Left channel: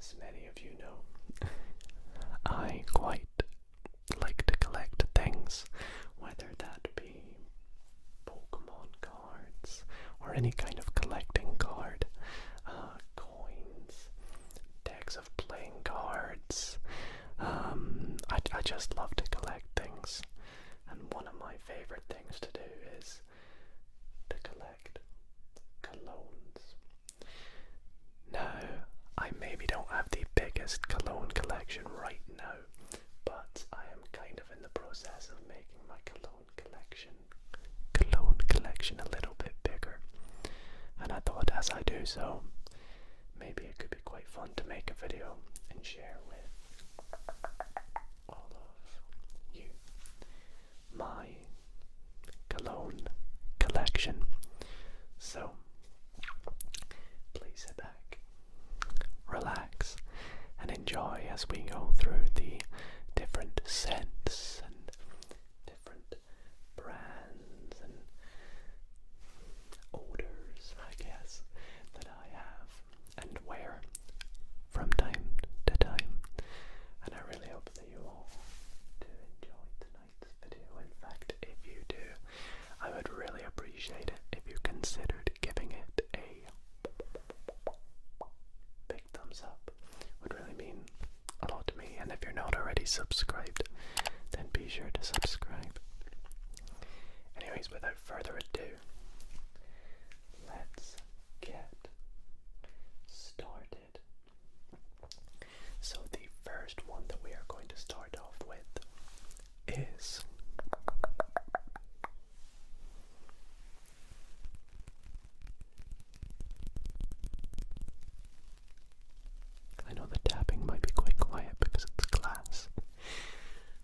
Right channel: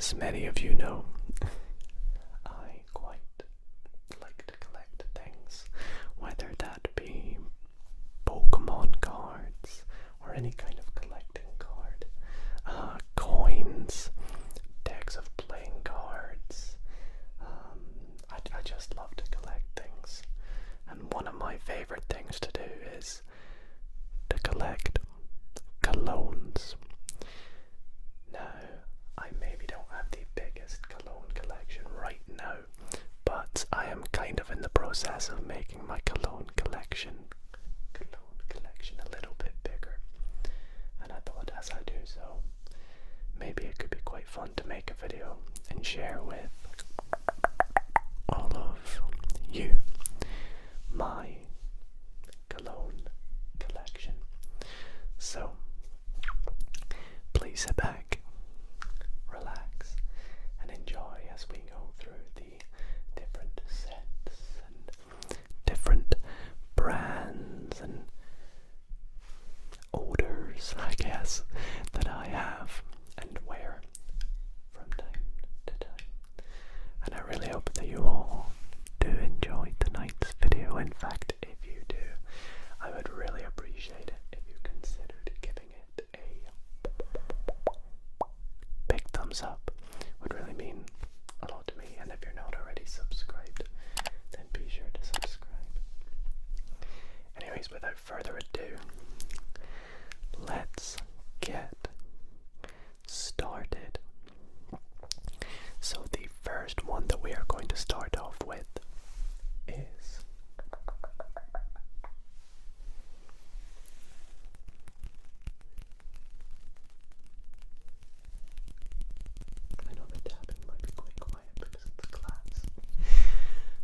As many of you know, I quite like to collect things, whether that be Pokemon cards or any kind of collecting card, coins, decks of playing cards. I just love to collect things, and one of my favorite things to do is to collect colognes. Now, I maybe don't have the biggest cologne collection right now, but I am kind of in the process of making my cologne collection a little bit bigger. And I thought as I do so, maybe it could be quite fun to make a video and share with all of you my cologne collection. So please sit back, relax, and enjoy as we go through the different scents and different brands and odors, I guess, that I have and wear from time to time. And I really hope that you all do enjoy tonight's video. In fact, if you do, I would really appreciate it if you considered giving it a big thumbs up. Would really mean a lot to me. And if you're not already subscribed, then be sure to subscribe. Anyways, without further ado, let's get started. So the first one that we are going to start off with is I know the tapping might be quite quiet because it's glass,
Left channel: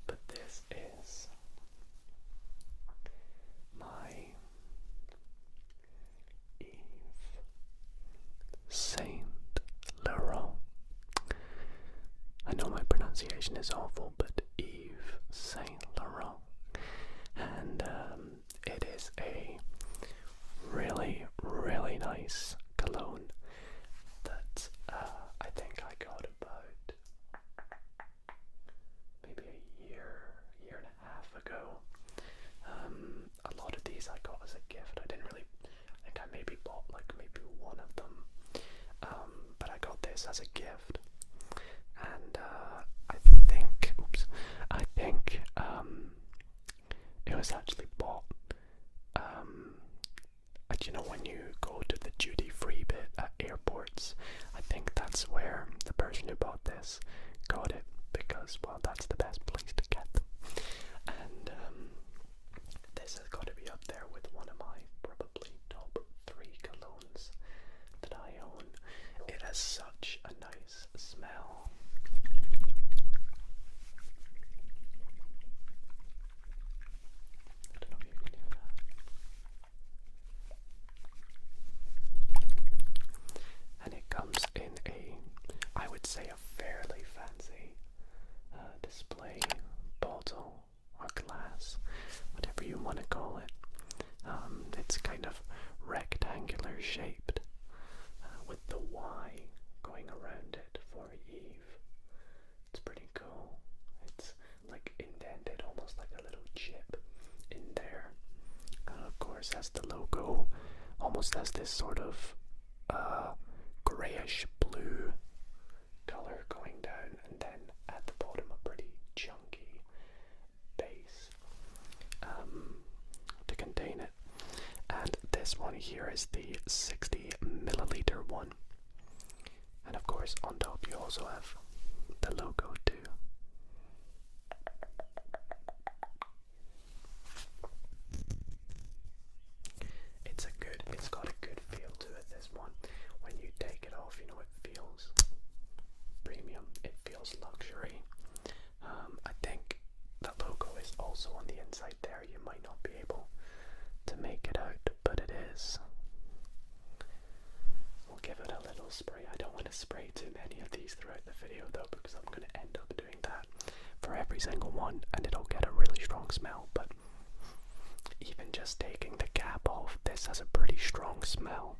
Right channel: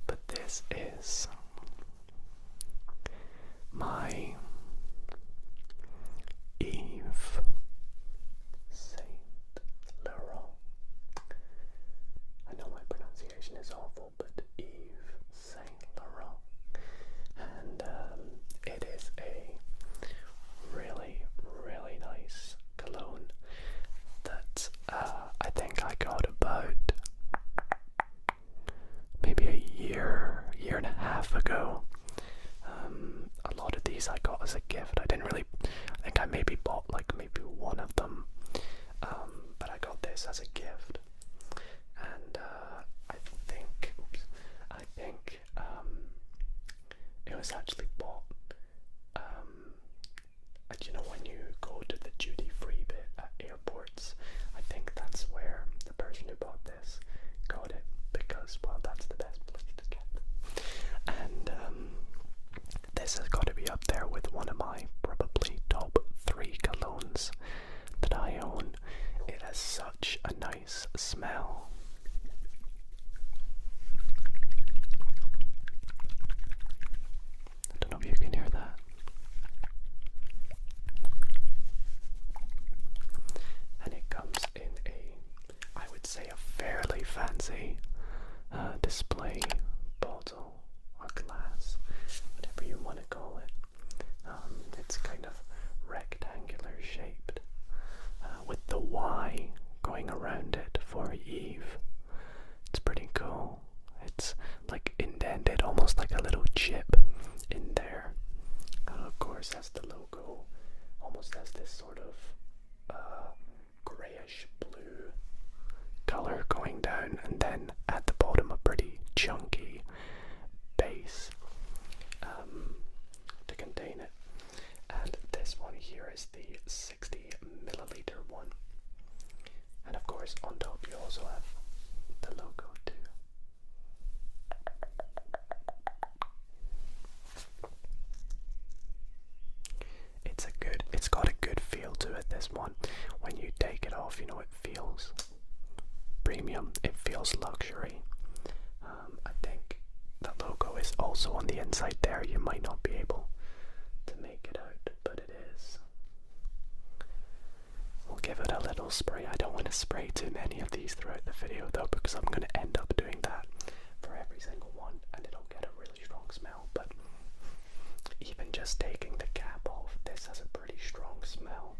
but this is my Yves Saint Laurent. I know my pronunciation is awful, but Yves Saint Laurent, and it is a really, really nice cologne that I think I got about maybe a year and a half ago. A lot of these I got as a gift. I think I maybe bought like maybe one of them, but I got this as a gift, and I think it was actually bought. You know, when you go to the duty-free bit at airports, I think that's where the person who bought this got it, because, well, that's the best place to get them. And this has got to be up there with one of my probably top 3 colognes that I own. It has such a nice smell. I don't know if you can hear that. And it comes in I would say a fairly fancy display bottle or glass, whatever you want to call it. It's kind of rectangular shaped, with the Y going around it for Yves. It's pretty cool. It's like indented, almost like a little chip in there. Of course, has the logo, almost has this sort of grayish blue color going down, and then at the bottom a pretty chunky base to contain it. And this one here is the 60 milliliter one, and of course on top you also have the logo too. It's got a good feel to it, this one. When you take it off, you know, it feels premium, it feels luxury. I think that logo is also on the inside there. You might not be able to make it out, but it is. We'll give it a little spray. I don't want to spray too many of these throughout the video though, because I'm going to end up doing that for every single one, and it'll get a really strong smell. But even just taking the cap off, this has a pretty strong smell.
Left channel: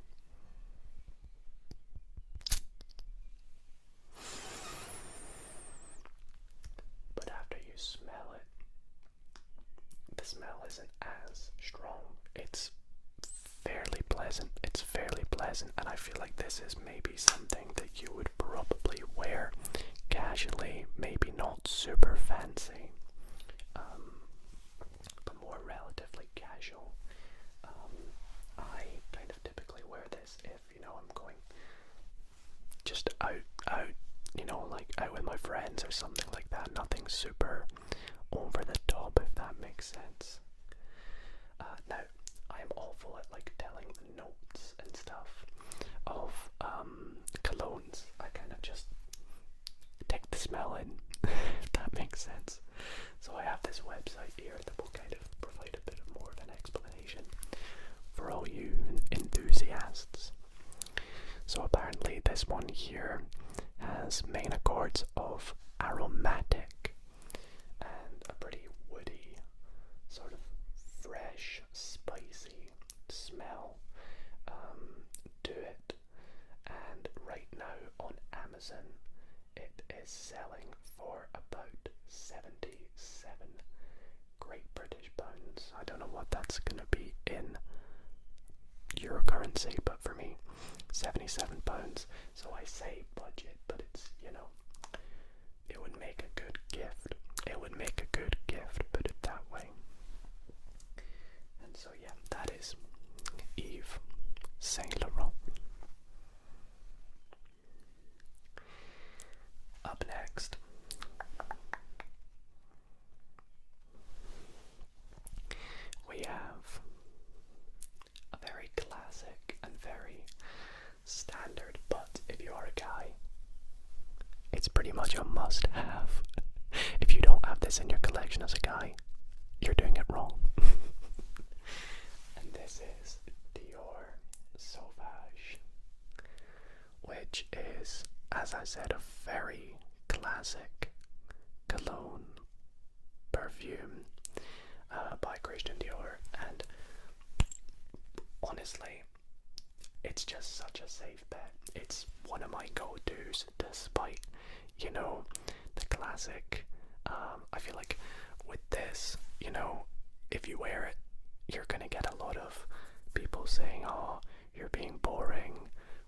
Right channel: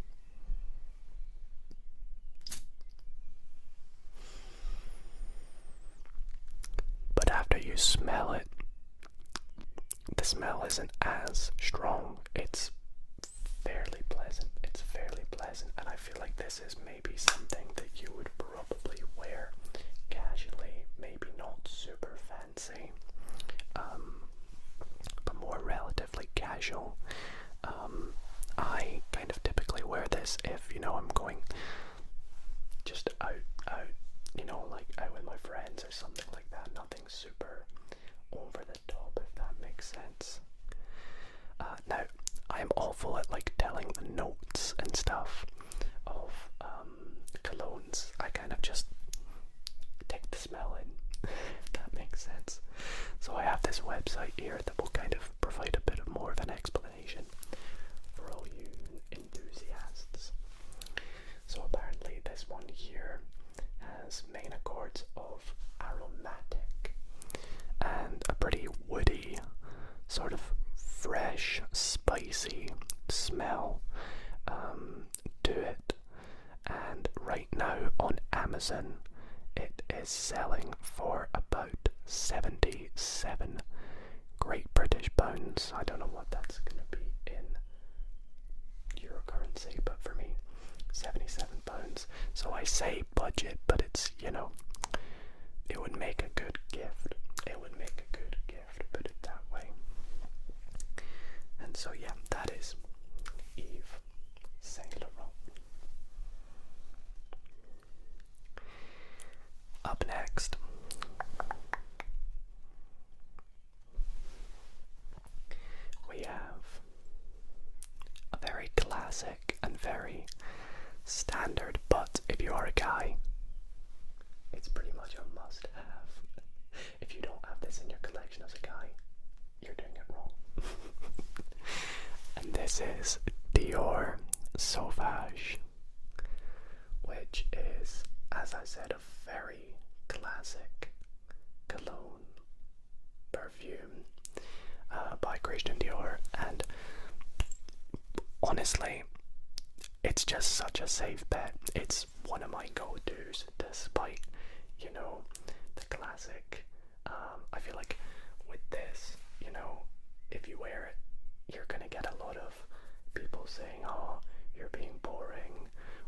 you smell it, the smell isn't as strong. It's fairly pleasant. It's fairly pleasant, and I feel like this is maybe something that you would probably wear casually, maybe not super fancy, but more relatively casual. I kind of typically wear this if, you know, I'm going just out, you know, like out with my friends or something like that. Nothing super over the top, if that makes sense. Now, I'm awful at like telling the notes and stuff of colognes. I kind of just take the smell in, if that makes sense. So I have this website here that will kind of provide a bit of more of an explanation for all you enthusiasts. So apparently this one here has main accords of aromatic and a pretty woody, sort of fresh, spicy smell to it. And right now on Amazon it is selling for about 77 Great British pounds. I don't know what that's going to be in euro currency, but for me, 77 pounds. So I say budget, but it's, you know, it would make a good gift. It would make a good gift, put it that way. And so yeah, that is Yves Saint Laurent. Up next, we have a very classic and very standard, but if you are a guy, it's pretty much a must-have. If you don't have this in your collection as a guy, you're doing it wrong. And this is Dior Sauvage, which is, as I said, a very classic cologne perfume by Christian Dior, and honestly, it's just such a safe bet. It's one of my go-tos, despite, you know, the classic. I feel like with this, you know, if you wear it, you're gonna get a lot of people saying, oh, you're being boring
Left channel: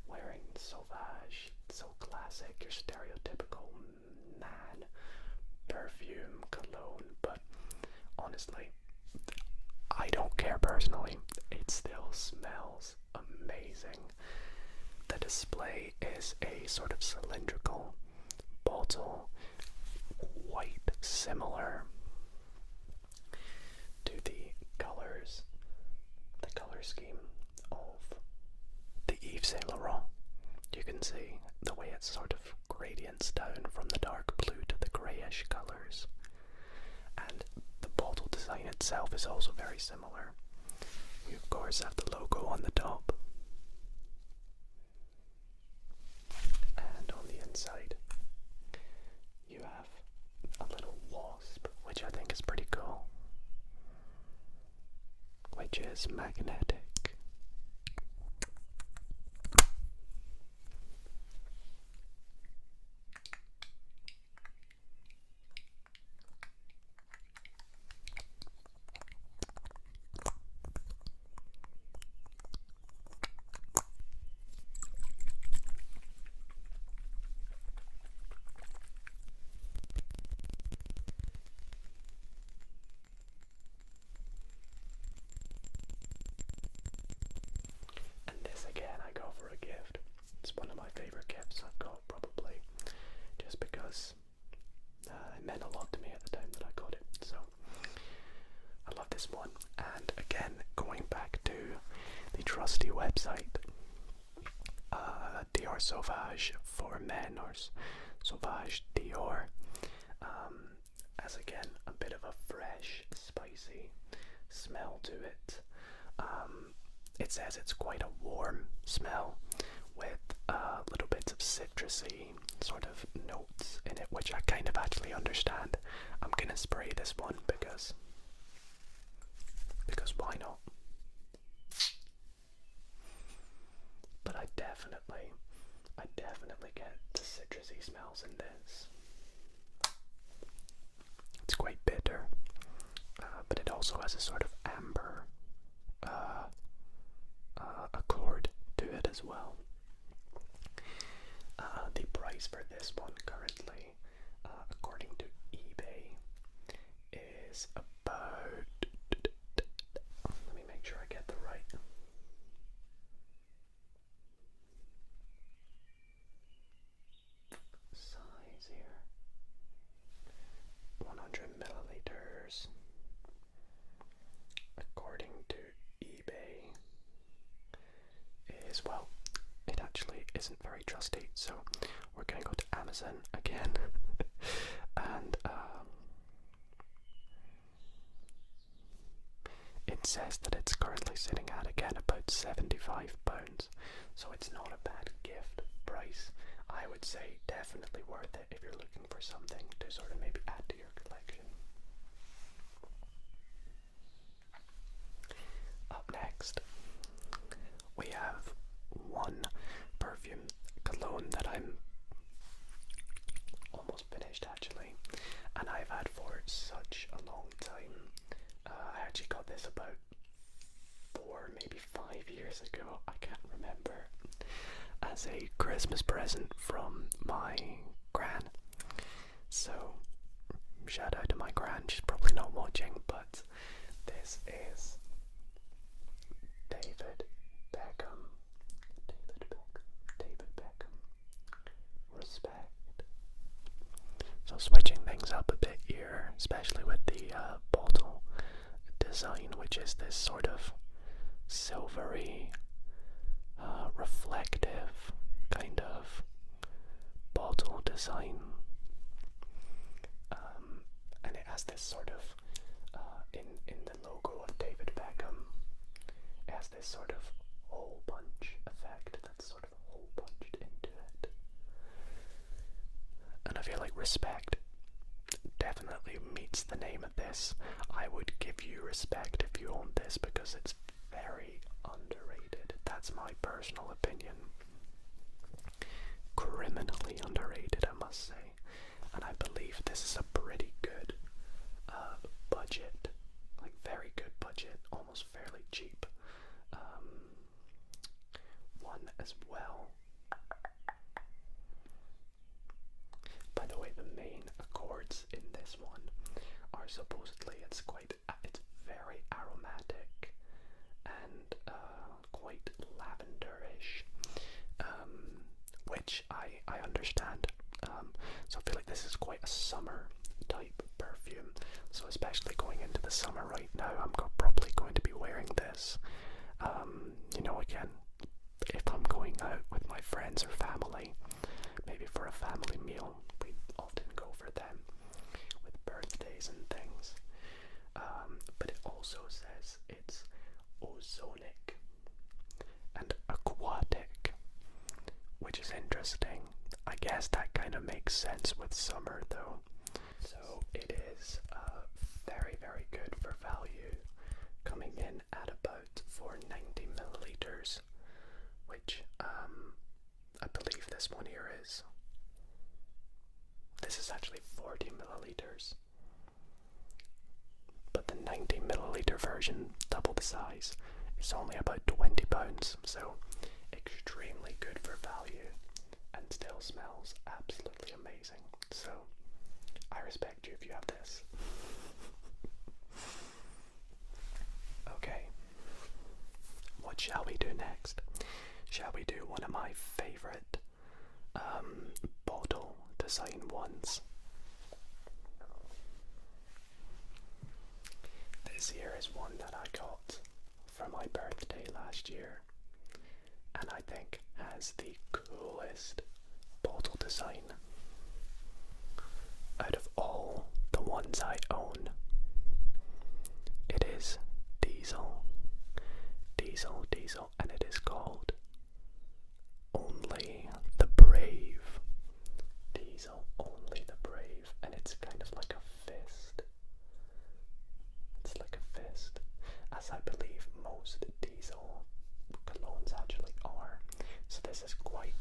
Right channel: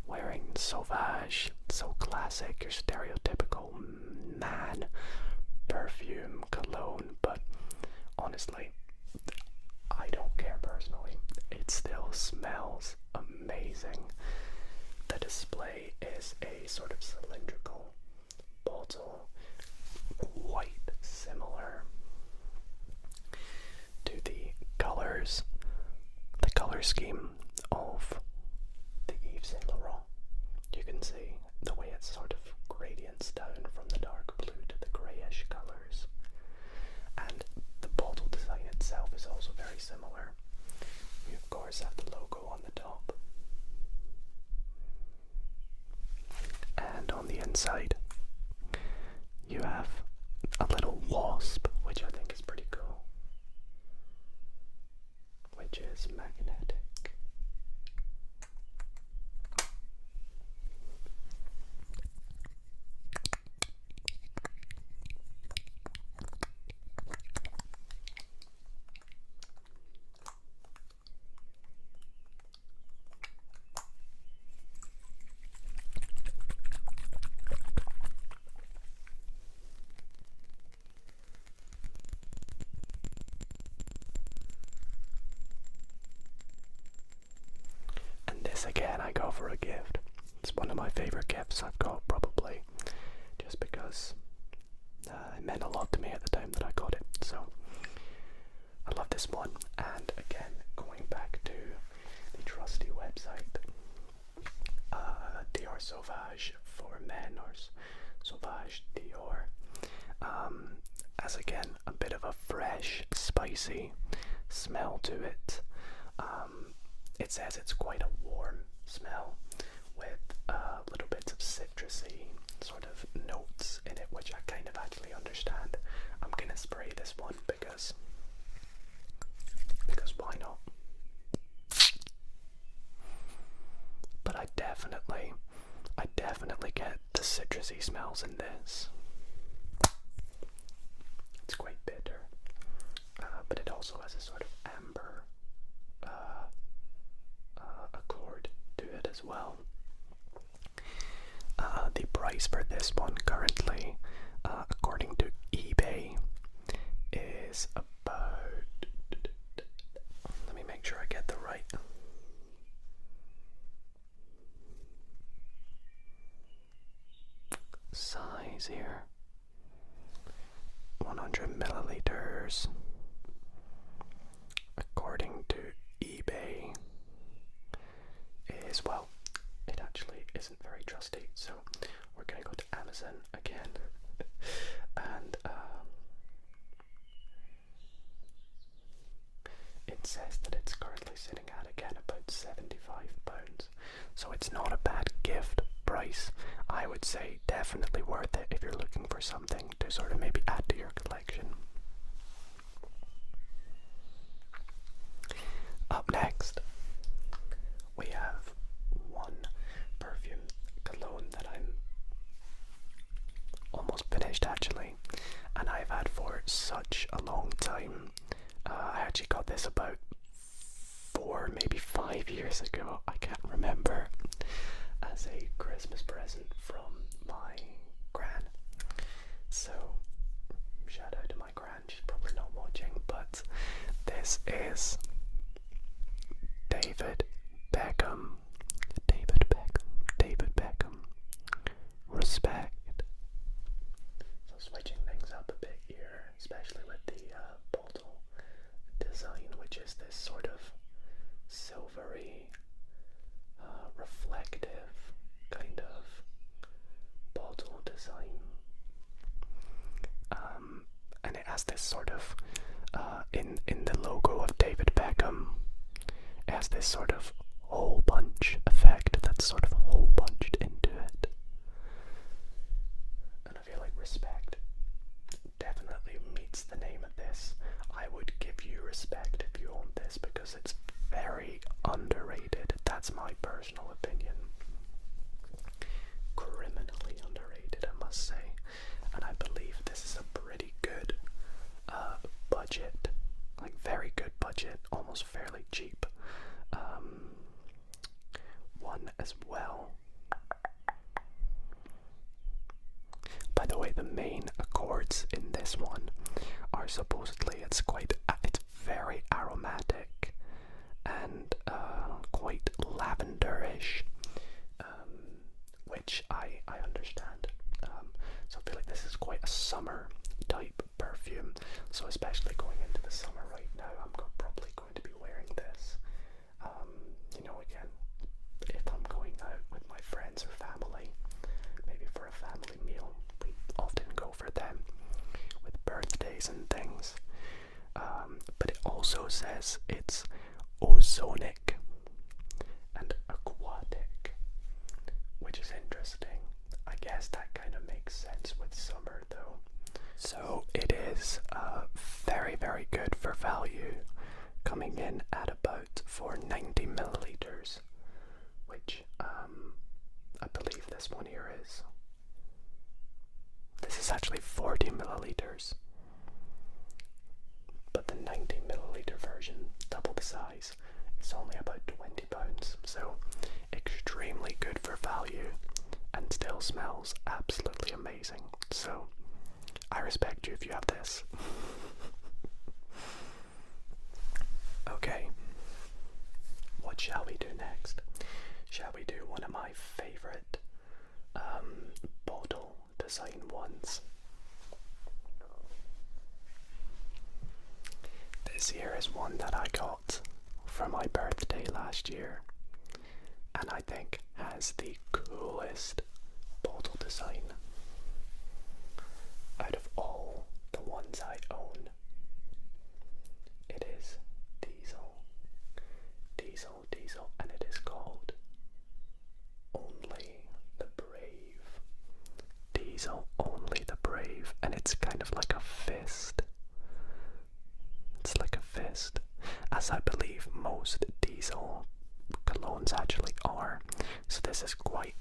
wearing Sauvage, so classic, you're stereotypical man perfume cologne. But honestly, I don't care personally. It still smells amazing. The display is a sort of cylindrical bottle, quite similar to the colors, the color scheme of the Yves Saint Laurent. You can see the way it sort of gradients down from the dark blue to the greyish colours. And the bottle design itself is also very similar. We of course have the logo on the top. And on the inside, you have a little wasp, which I think is pretty cool, which is magnetic. Again, I go for a gift. It's one of my favourite gifts I've got, probably, just because it meant a lot to me at the time that I got it. So I love this one. And again, going back to the trusty website, Dior Sauvage for men, or Sauvage Dior, as again a bit of a fresh, spicy smell to it. It says it's quite a warm smell with little bits of citrusy sort of notes in it, which I kind of actually understand. I'm gonna spray this one because why not? But I definitely get the citrusy smells in this. It's has a sort of amber accord to it as well. The price for this one currently, according to eBay, is about, let me make sure I get the right size here, 100 milliliters, according to eBay, is, well, it actually isn't very trusty, so we're going to go to Amazon again. And it says that it's currently sitting at, again, about £75, so it's not a bad gift price. I would say definitely worth it if you're looking for something to sort of maybe add to your collection. Up next, we have one perfume cologne that I'm almost finished actually, and I've had for such a long time. I actually got this about 4, maybe 5 years ago, I can't remember, as a Christmas present from my gran. So shout out to my gran, she's probably not watching, but this is David Beckham. Respect. So switching things up a bit here, especially with the bottle design, which is this sort of silvery, reflective kind of bottle design, and it has this sort of in the logo of David Beckham, it has this sort of hole punch effect that's sort of hole punched into it. And I feel like respect definitely meets the name of this. I would give you respect if you own this because it's very underrated. That's my personal opinion. Criminally underrated, I must say. And I believe this is a pretty good budget, like very good budget, almost fairly cheap one as well. By the way, the main accords in this one are supposedly, it's very aromatic and quite lavenderish, which I understand. So I feel like this is quite a summer type perfume. So especially going into the summer right now, I'm probably going to be wearing this. Again, if I'm going out with my friends or family, maybe for a family meal, we often go for them with birthdays and things. But it also says it's ozonic and aquatic, which is interesting. I guess that kind of makes sense with summer though. So it is very, very good for value, coming in at about for 90 milliliters, which I believe this one here is. This is actually 40 milliliters, but the 90 milliliter version, double the size, is only about £20, so extremely good for value and still smells absolutely amazing. So I respect you if you have this. Okay, what shall we do next? Shall we do one of my favorite bottle design ones? This here is one that I got for my birthday last year, and I think has the coolest bottle design out of all the ones I own. It is Diesel, and it is called Only the Brave. Diesel, Only the Brave, and it's kind of like a fist. It's like a fist, as I believe most Diesel colognes actually are. So this is quite,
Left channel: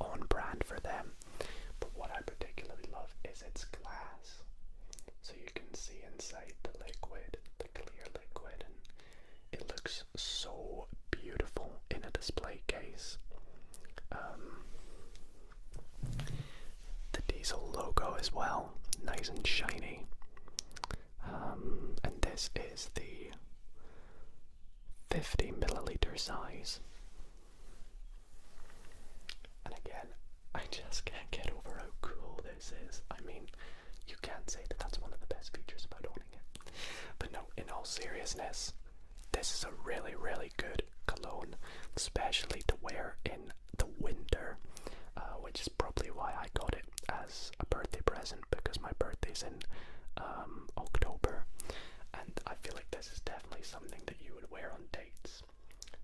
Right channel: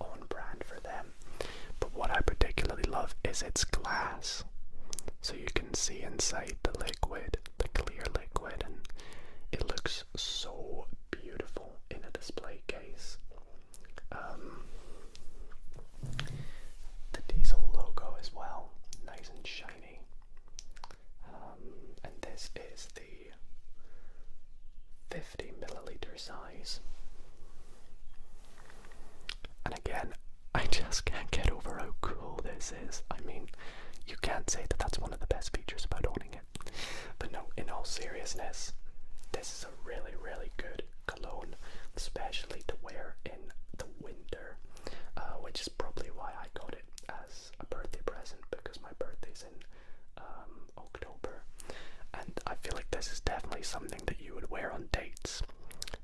on brand for them. But what I particularly love is its glass. so you can see inside the liquid, the clear liquid, and it looks so beautiful in a display case. The diesel logo as well, nice and shiny. And this is the 50 milliliter size. And again, I just can't get over how cool this is. I mean, you can't say that that's one of the best features about owning it. But no, in all seriousness, this is a really, really good cologne, especially to wear in the winter, which is probably why I got it as a birthday present, because my birthday's in October, and I feel like this is definitely something that you would wear on dates.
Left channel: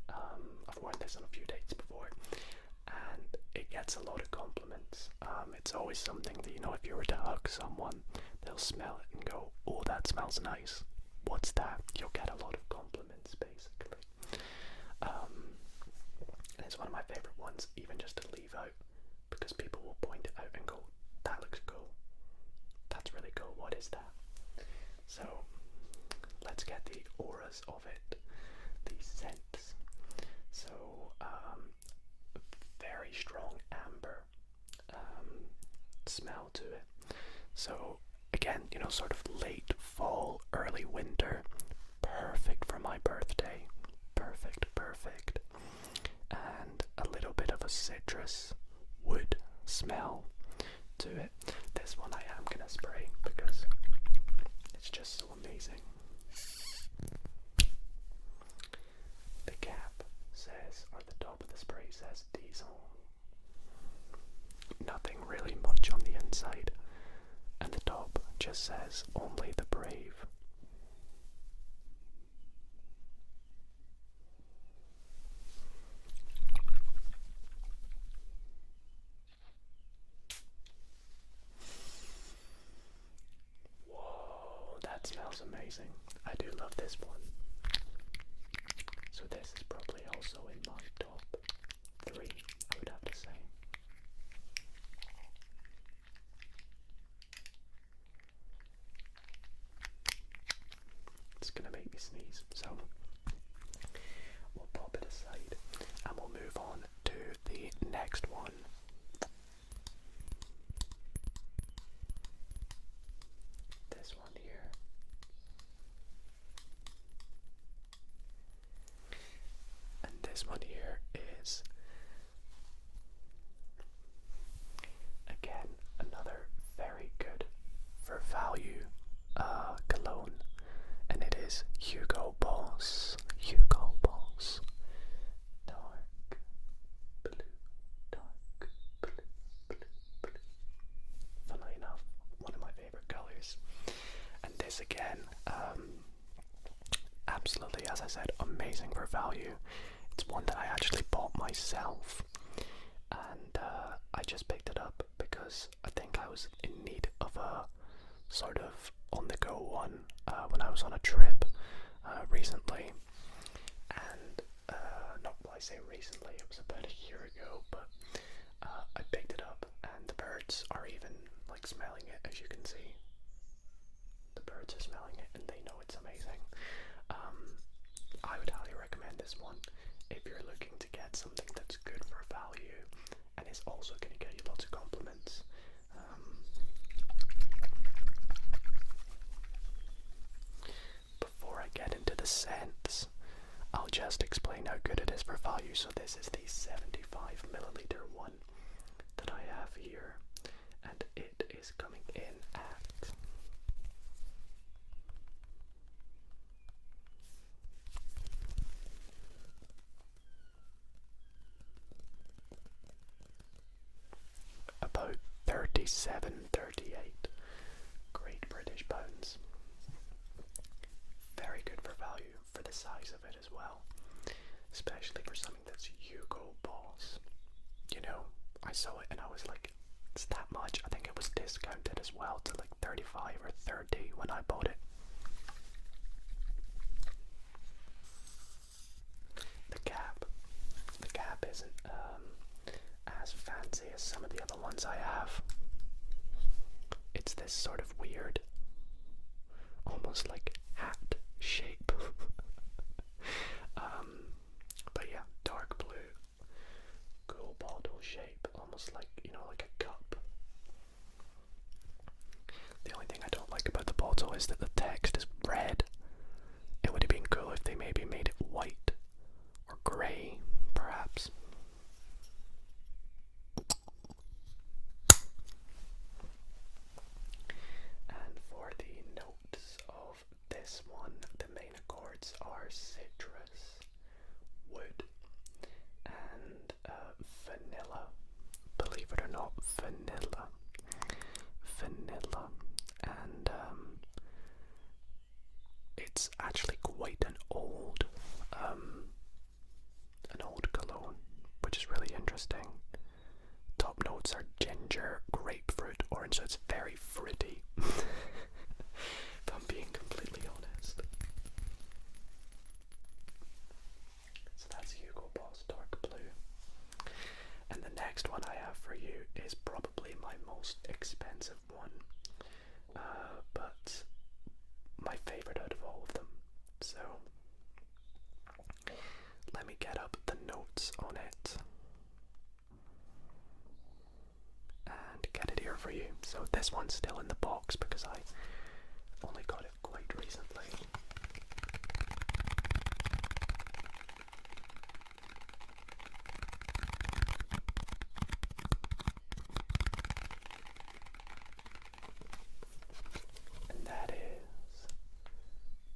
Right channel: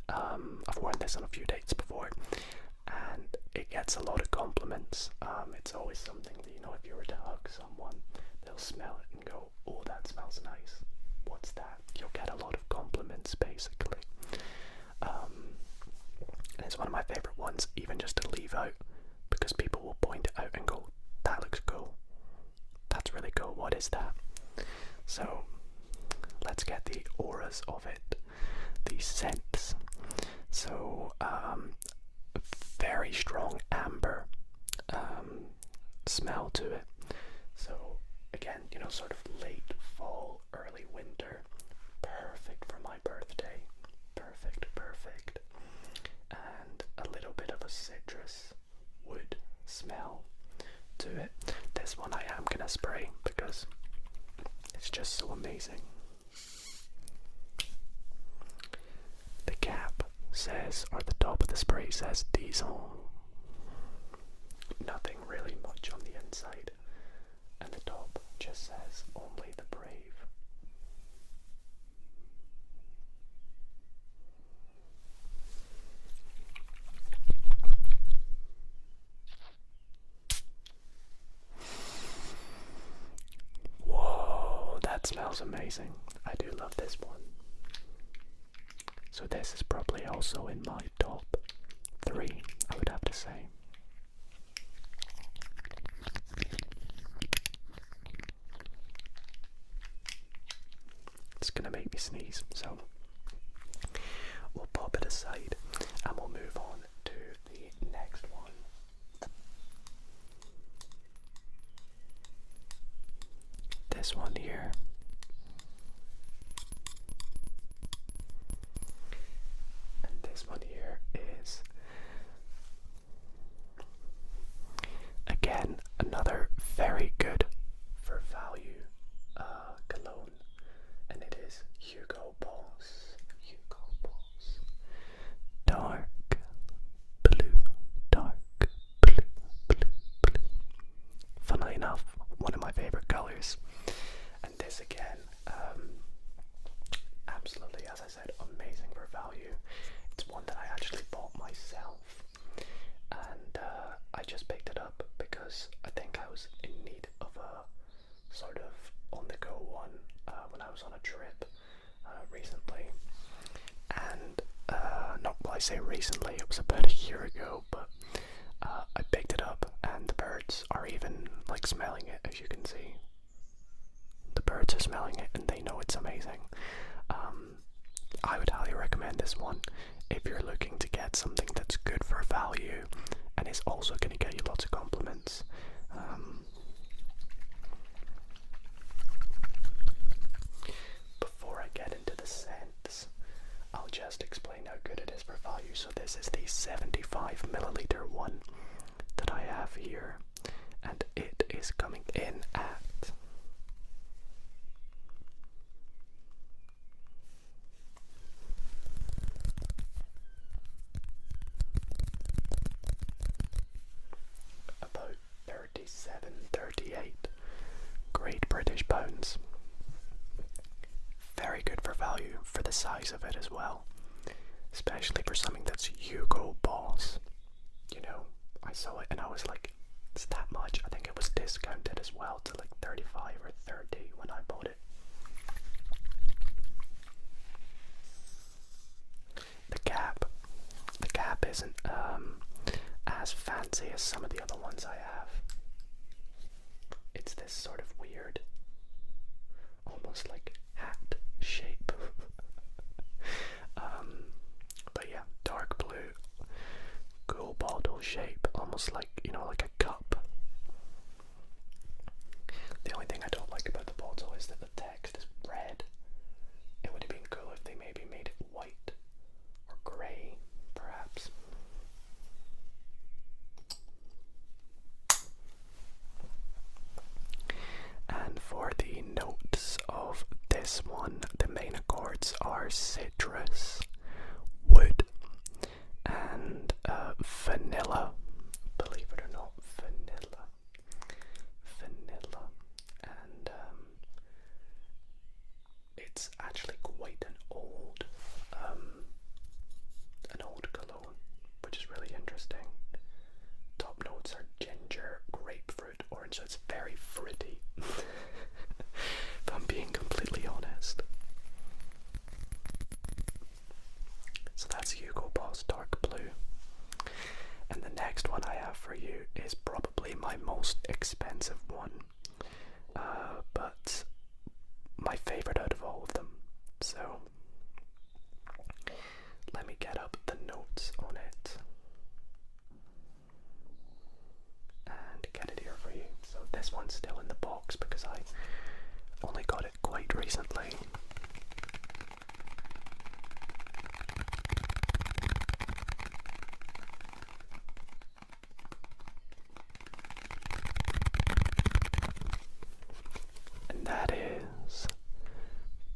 I've worn this on a few dates before, and it gets a lot of compliments. It's always something that, you know, if you were to hug someone, they'll smell it and go, "Oh, that smells nice. What's that?" You'll get a lot of compliments, basically. And it's one of my favorite ones, even just to leave out, because people will point it out and go, "That looks cool. That's really cool. What is that?" So let's get the auras of it, the scents. So very strong amber smell to it. So again, you know, sort of late fall, early winter, perfect for my birthday. Perfect. And a little bit of a citrus wood smell to it. This one I am gonna spray because it's just so amazing. The cap says, or the top of the spray says, diesel. Nothing really much on the inside, and the top just says, "Only the brave." Whoa, that smells amazing. I do love this one. So this is probably also in my top 3, I would have to say. It's gonna make me sneeze, so we'll pop it aside and we'll move on to the next one. This one here. And this one here is, again, another very good for value cologne, and it is Hugo Boss. Dark blue. Funnily enough, one of my favorite colors. And this again, absolutely, as I said, amazing for value. It's one that I actually bought myself, and I just picked it up because I think I was in need of a sort of on-the-go one when I was on a trip recently. And I say recently, it was about a year ago, but I picked it up, and the birds are even like smelling it, as you can see. The birds are smelling it and they know it's amazing. I would highly recommend this one if you're looking to get something that's good for value and is also going to get you lots of compliments. Before I get into the scents, I'll just explain how good it is for value. So this is the 75 milliliter one that I have here, and it is coming in at about 37-38 Great British pounds. Very good for value for the size of it as well, especially for something that's Hugo Boss. You know, I saw it and I was like, it's that much. I think it was discounted as well to like 35 or 30 when I bought it. The cap isn't as fancy as some of the other ones I have. It's this sort of weird almost like hat shape. But yeah, dark blue, cool bottle shape, almost like, you know, like a cup. The only thing I don't like about the bottle is that the text is red. It would have been cool if they maybe made it white or grey, perhaps. And for the notes of this one, the main accords are citrus, wood, and vanilla. Believe it or not, vanilla. And it's actually quite an old cologne, which is really interesting. Top notes are ginger, grapefruit, orange. So it's very fruity. If I'm being completely honest. So that's Hugo Boss Dark Blue. And the next one I have for you is probably my most expensive one, but my favorite out of all of them. So let me get up the notes on it and get it here for you. So this one's still in the box because I only got it quite recently. And that is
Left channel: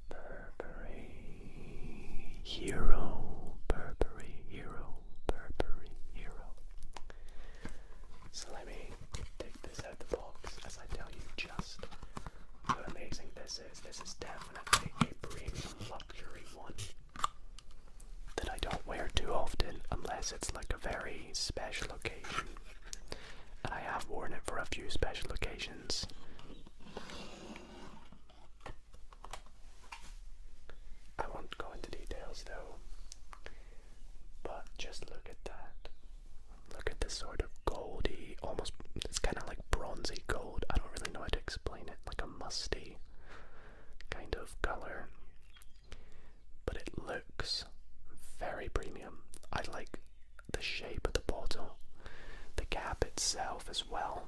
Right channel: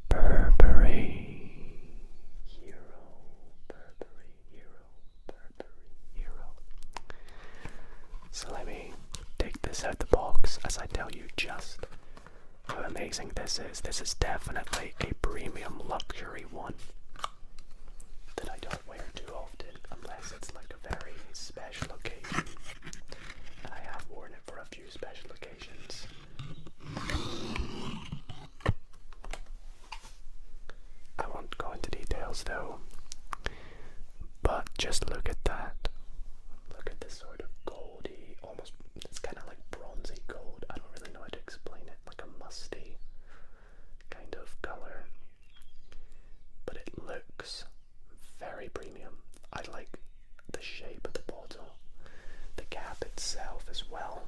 Burberry Hero. Burberry Hero. Burberry Hero. So let me take this out the box as I tell you just how amazing this is. This is definitely a premium luxury one that I don't wear too often unless it's like a very special occasion. And I have worn it for a few special occasions. I won't go into details though, but just look at that. Look at this sort of goldy, almost, it's kind of like bronzy gold. I don't really know how to explain it, like a musty kind of color, but it looks very premium. I like the shape of the bottle, the cap itself as well.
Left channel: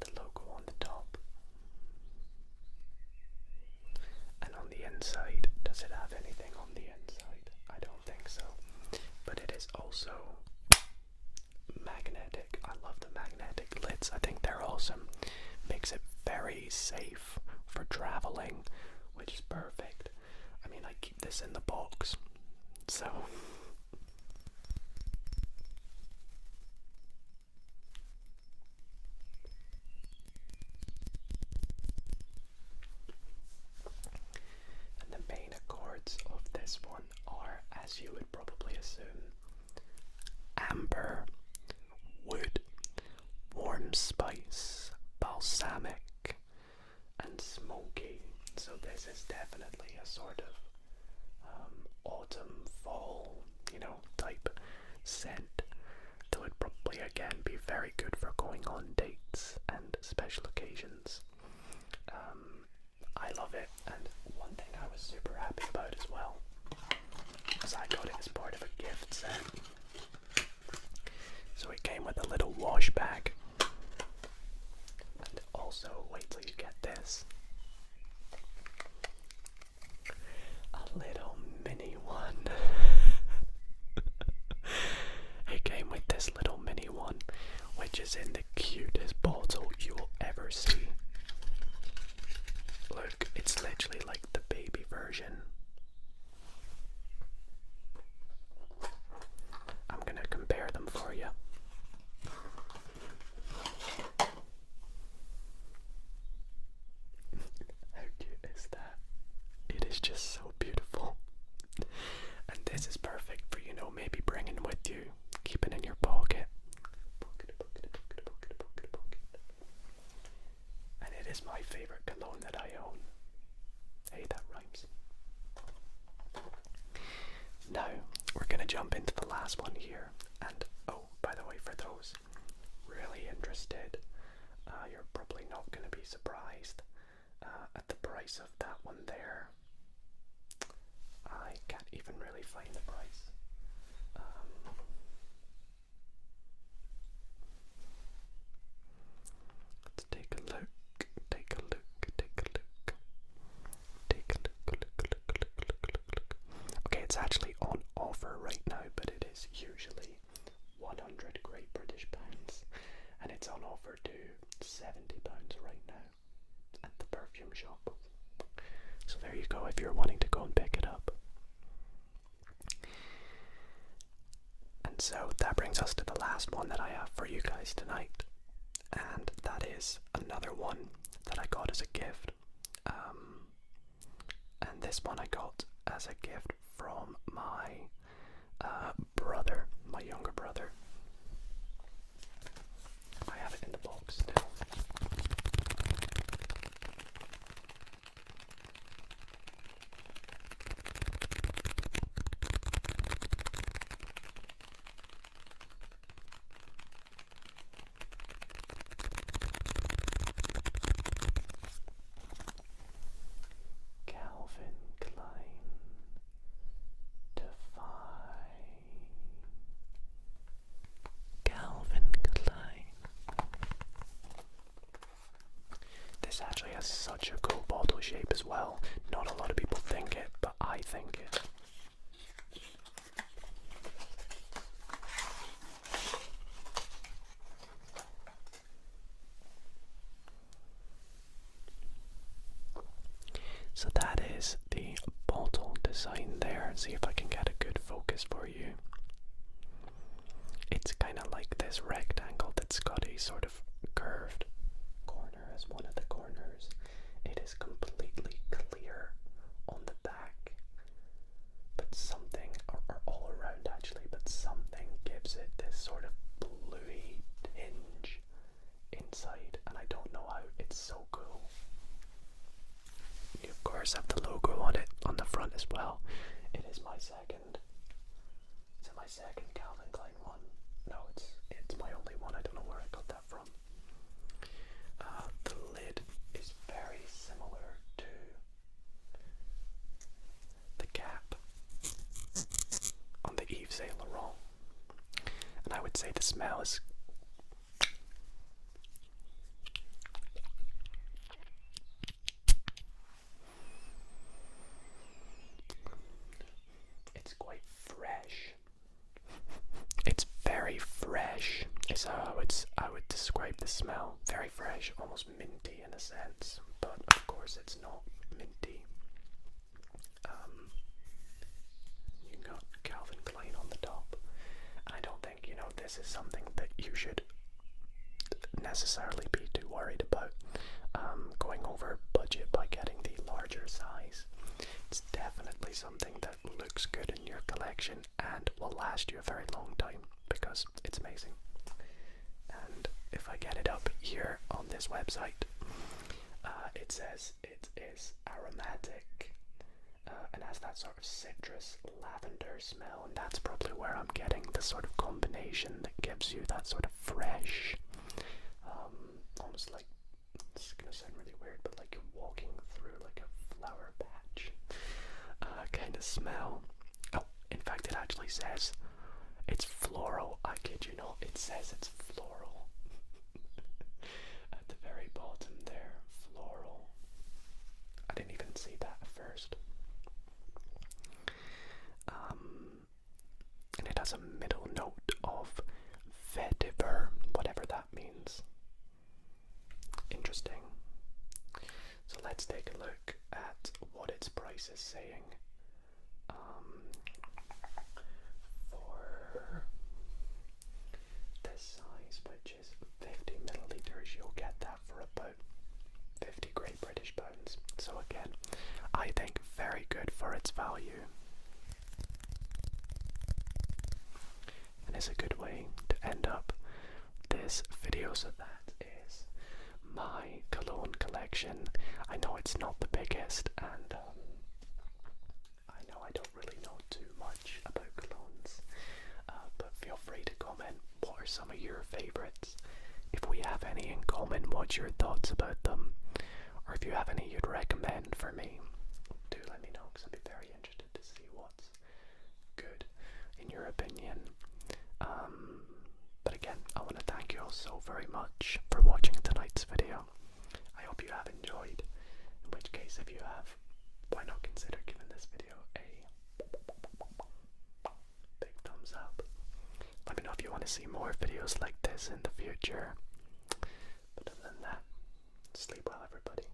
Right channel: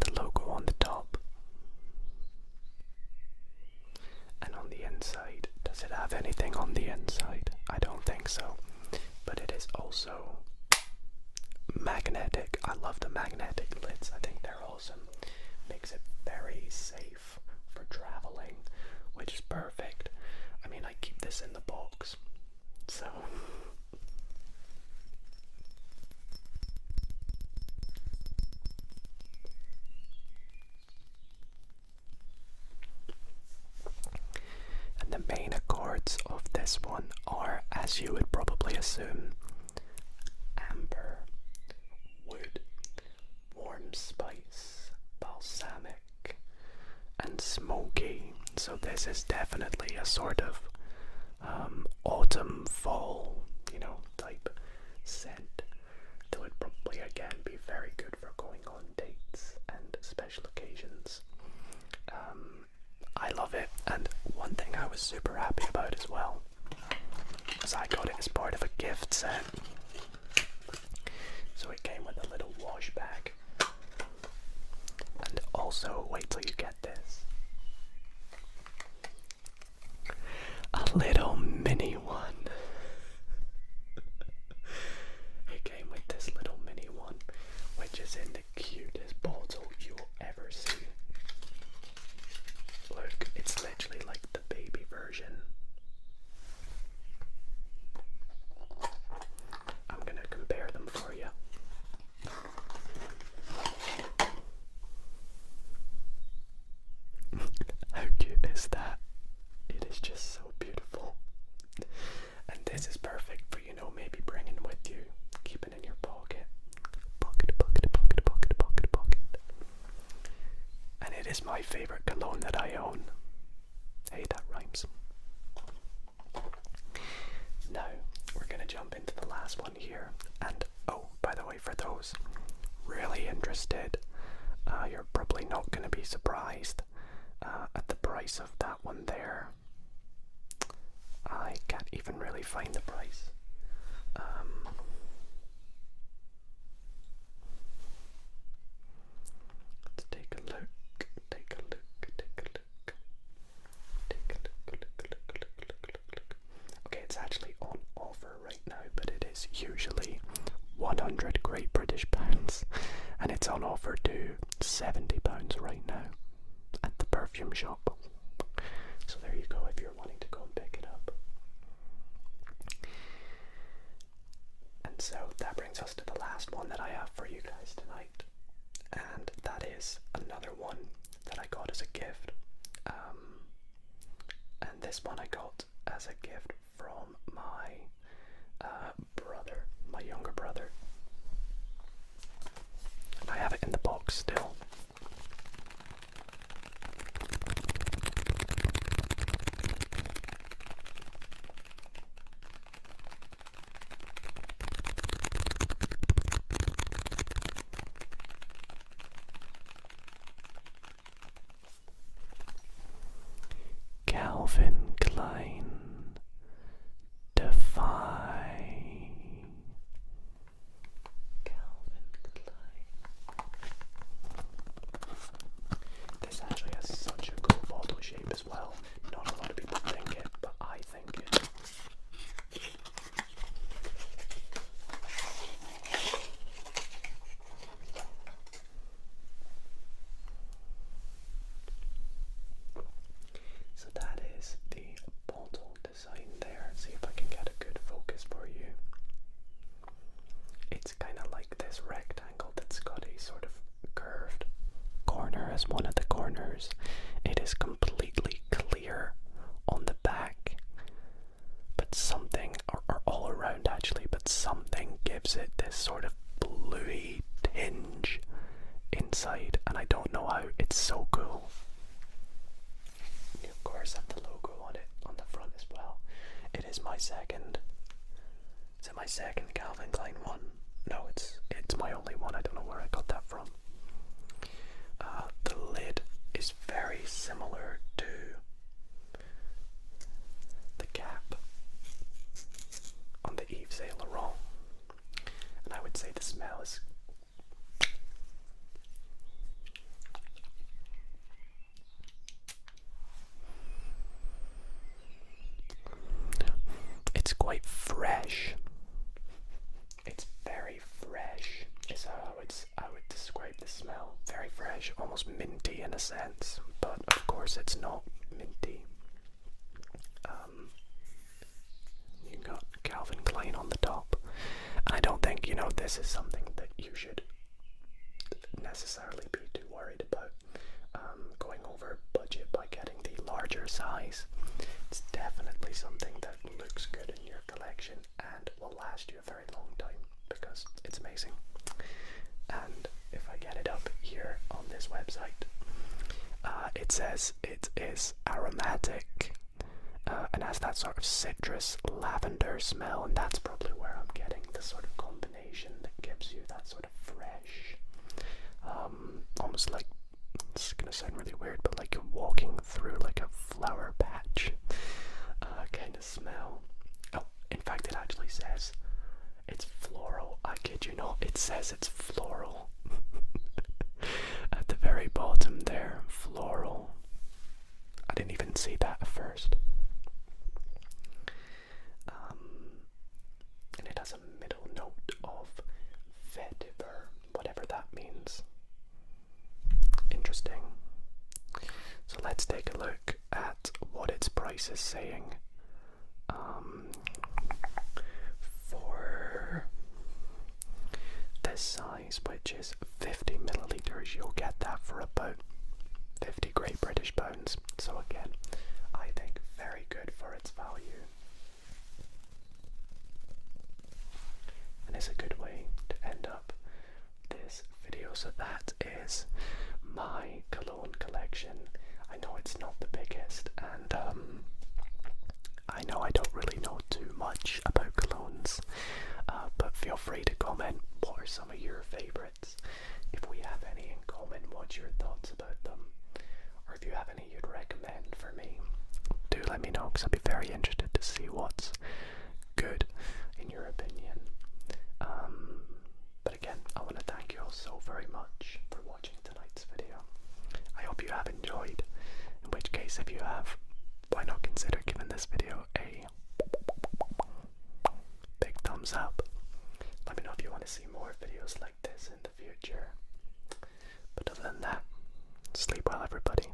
The logo on the top, and on the inside. Does it have anything on the inside? I don't think so, but it is also magnetic. I love the magnetic lids. I think they're awesome. Makes it very safe for traveling, which is perfect. I mean, I keep this in the box, so and the main accords of this one are, as you would probably assume, amber, wood, warm spice, balsamic, and smoky. So this is definitely a sort of autumn, fall, you know, type scent that would probably again be very good for going on dates and special occasions. I love it, and one thing I was super happy about as well was I got it as part of a gift set. So it came with a little wash bag, and also, wait till you get this, a little mini one. It came with this little mini one, which is in the cutest bottle you'll ever see. Look, it's literally like the baby version. I'm gonna compare them for you. How cute is that? It is just so beautiful. And this is perfect for, you know, maybe bringing with you, keeping in your pocket. Pocket. And it is my favorite cologne that I own. Hey, that rhymes. Now, we're gonna jump into the last one here. And, oh, by the way, for those really interested, really surprised at the price of that one there. I can't even really find the price. Let's take a look. Okay, it's actually on offer right now, but it is usually 100 Great British pounds, and it's on offer to £70 right now at the perfume shop. So there you go if you're wanting to go and pick it up. And so that brings us to the last one that I have for you guys tonight, and that is another one that I got as a gift. And this one I got as a gift from my brother, my younger brother. I have it in the box still. Calvin Klein Defy. Calvin Klein. This actually has such a cool bottle shape as well. Not a lot of people think it, but I think it. So that is the bottle design there. See if I can get a good focus for you. It's kind of like this rectangle that's got a sort of curved corner as one of the corners. It is completely clear on the back, but something, or all around actually, but something gives it this sort of bluey tinge inside, and I don't know how. It's so cool. You of course have the logo on it on the front as well. It is my second. Is it my second Calvin Klein one? No, it's my only one. I don't know where I got that from. The lid is very similar to the cap on the Yves Saint Laurent, and I would say the smell is quite fresh. It's very fresh is how I would describe the smell. Very fresh, almost minty in a sense, but of course it's not minty. You got Calvin Klein on the top, and I don't think, this is something that you should necessarily be too worried about going over budget by getting the larger size. It's definitely something that looks good in your collection and will last you a very long time because it's amazing. And if I get it up here on this website, it says it is aromatic and has that sort of citrus lavender smell, and that's probably where I'm getting the sort of combination that gives you that sort of fresh, almost like, it's gonna sound really weird, but like you're walking through like a flower patch kind of smell. Oh, in fact it actually says it's floral. I kid you not, it says it's floral. At the very bottom there, floral. I didn't even see that at first. And it has a middle note of vetiver, whatever that means. Interesting. So let's take a look at what its price is saying. For this size, which is 50 milliliters, you'll get that for about 50 Great British pounds. So again, I think very good for its value. And it's a good way to end up this video. So that is my cologne collection. I know it's not the biggest, and I know I don't really know too much about colognes, but feel free to comment what are some of your favorites. If we have any in common, what's your thoughts about them, or if you have any you'd recommend for me, do let me know, because I'd be very interested to see what's good in your opinion. But again, I want to thank you all so very much for watching tonight's video. I hope you have enjoyed, in which case if you have, why not consider giving this video a big thumbs up. Let me know if you want to see more videos like this in the future. But other than that, sleep well everybody.